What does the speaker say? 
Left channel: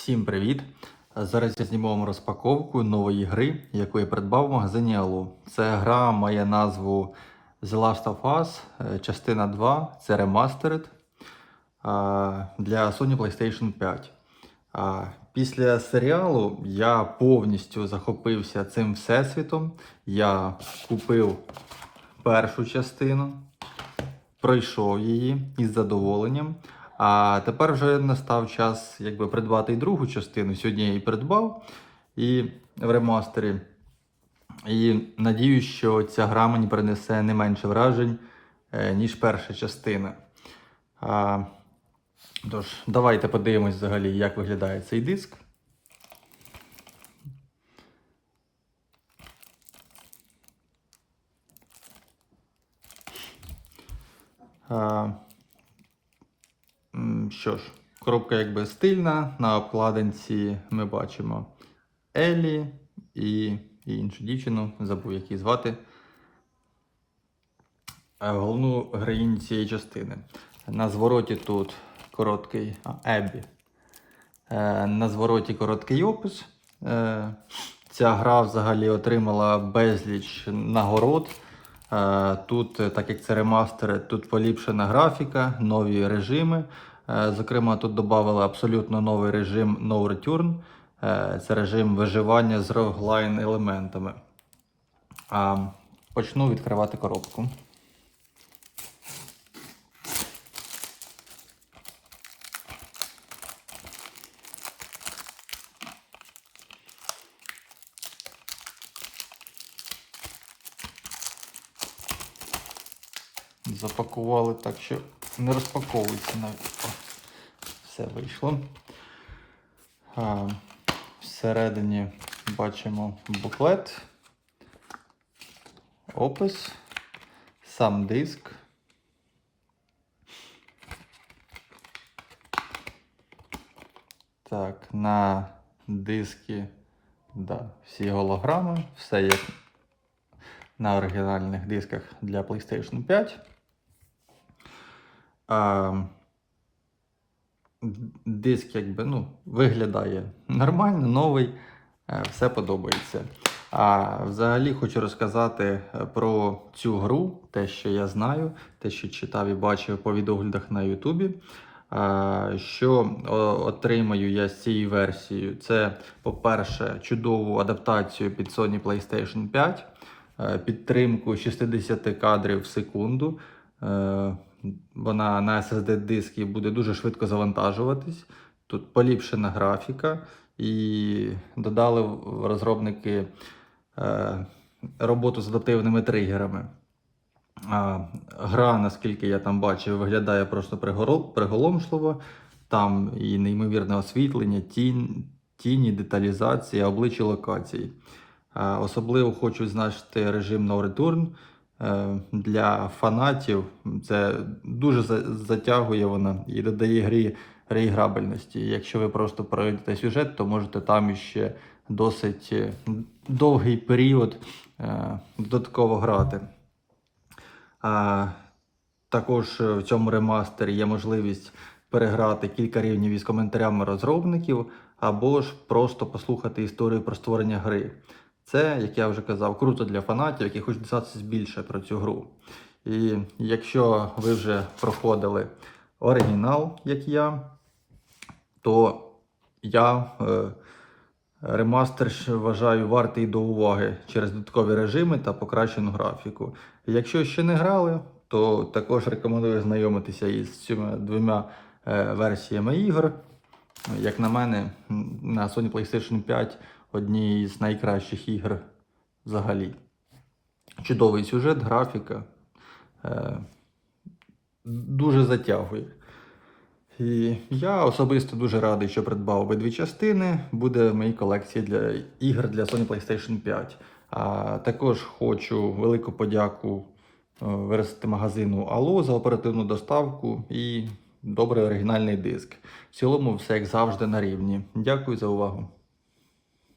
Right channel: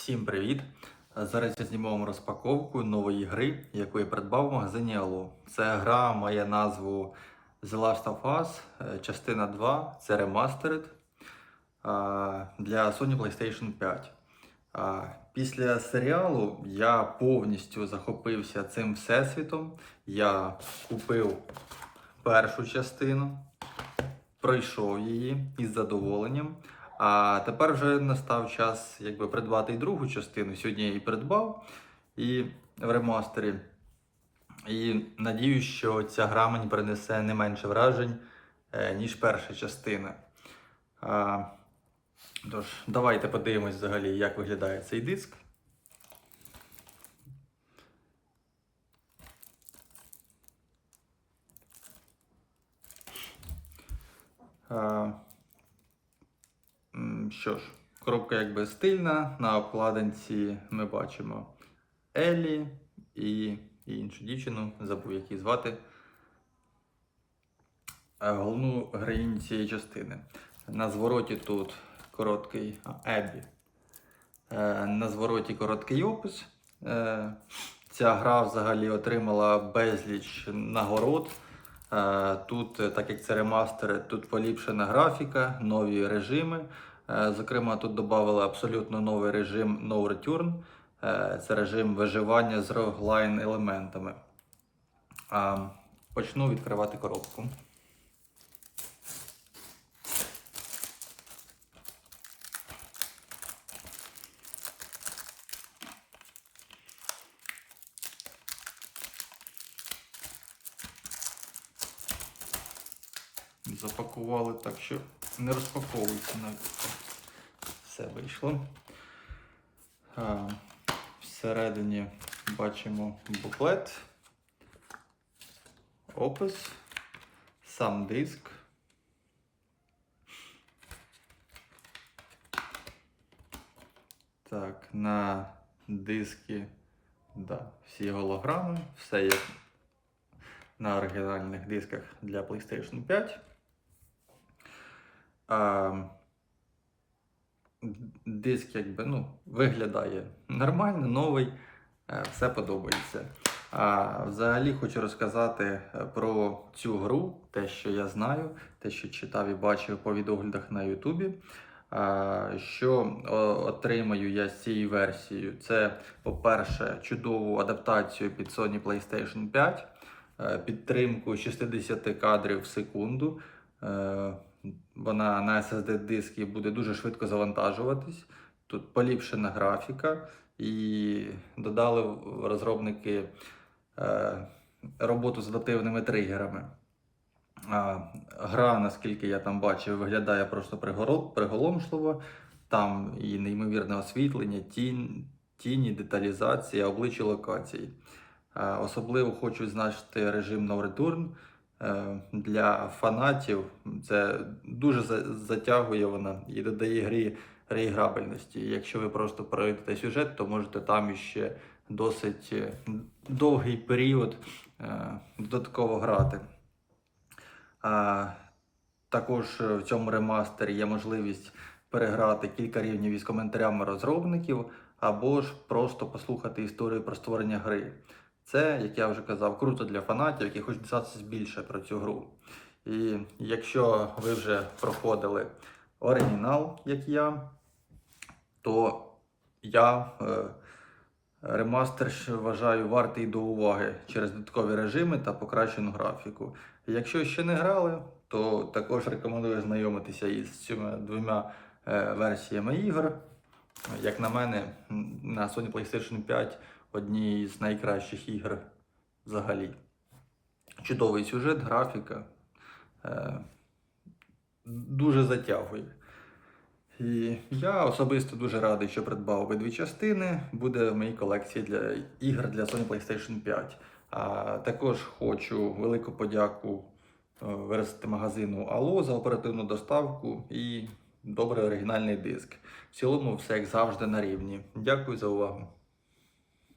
Всім привіт! Зараз я зніму вам розпаковку нової гри, яку я придбав в магазині Allo. Це гра має назву The Last of Us, е, частина 2, це Remastered для Sony PlayStation 5. Після серіалу я повністю захопився цим всесвітом. Я купив першу частину, пройшов її із задоволенням. А тепер вже настав час якби, придбати і другу частину. Сьогодні я її придбав і в ремастері. І надіюсь, що ця гра мені принесе не менше вражень, е, ніж перша частина. А, тож, давайте подивимось взагалі, як виглядає цей диск. А, Що ж, коробка якби стильна. На обкладинці ми бачимо Елі і, іншу дівчину, забув як її звати. Е, Головну героїню цієї частини. На звороті тут короткий а, Еббі. Е, На звороті короткий опис. Е, Ця гра взагалі отримала безліч нагород. Тут, так як це ремастери, тут поліпшена графіка, нові режими. Е, Зокрема, тут додали абсолютно новий режим No Return. Е, Це режим виживання з роглайн елементами. Почну відкривати коробку. Запакували так, що не розпаковується навіть. Все вийшло. А, всередині бачимо буклет, опис, сам диск. Так, на дискі да, всі голограми, все як на оригінальних дисках для PlayStation 5. А, диск якби, ну, виглядає нормально, новий, е, все подобається. А взагалі хочу розказати е, про цю гру, те, що я знаю, те, що читав і бачив по відоглядах на Ютубі. Що отримаю я з цією версією? Це, по-перше, чудову адаптацію під Sony PlayStation 5, е, підтримку 60 кадрів в секунду. Вона на SSD-дискі буде дуже швидко завантажуватись. Тут поліпшена графіка, і додали розробники е, роботу з адаптивними тригерами. А, Гра, наскільки я там бачив, виглядає просто приголомшливо. Там і неймовірне освітлення, тінь, тіні, деталізація, обличчя локацій. Особливо хочу значити режим No Return. Е, Для фанатів це дуже затягує вона і додає грі реіграбельності. Якщо ви просто пройдете сюжет, то можете там ще досить е, довгий період е, додатково грати. Також в цьому ремастері є можливість переграти кілька рівнів із коментарями розробників, або ж просто послухати історію про створення гри. Це, як я вже казав, круто для фанатів, які хочуть дізнатися більше про цю гру. І якщо ви вже проходили оригінал, як я, то я е, ремастер вважаю вартий до уваги через додаткові режими та покращену графіку. Якщо ще не грали, то також рекомендую знайомитися із цими двома е, версіями ігор. Як на мене, на Sony PlayStation 5 одні з найкращих ігор взагалі. Чудовий сюжет, графіка. Е, дуже затягує. І я особисто дуже радий, що придбав обидві частини. Буде в моїй колекції для ігор для Sony PlayStation 5. А також хочу велику подяку е, магазину Allo за оперативну доставку і добрий оригінальний диск. В цілому все як завжди на рівні. Дякую за увагу.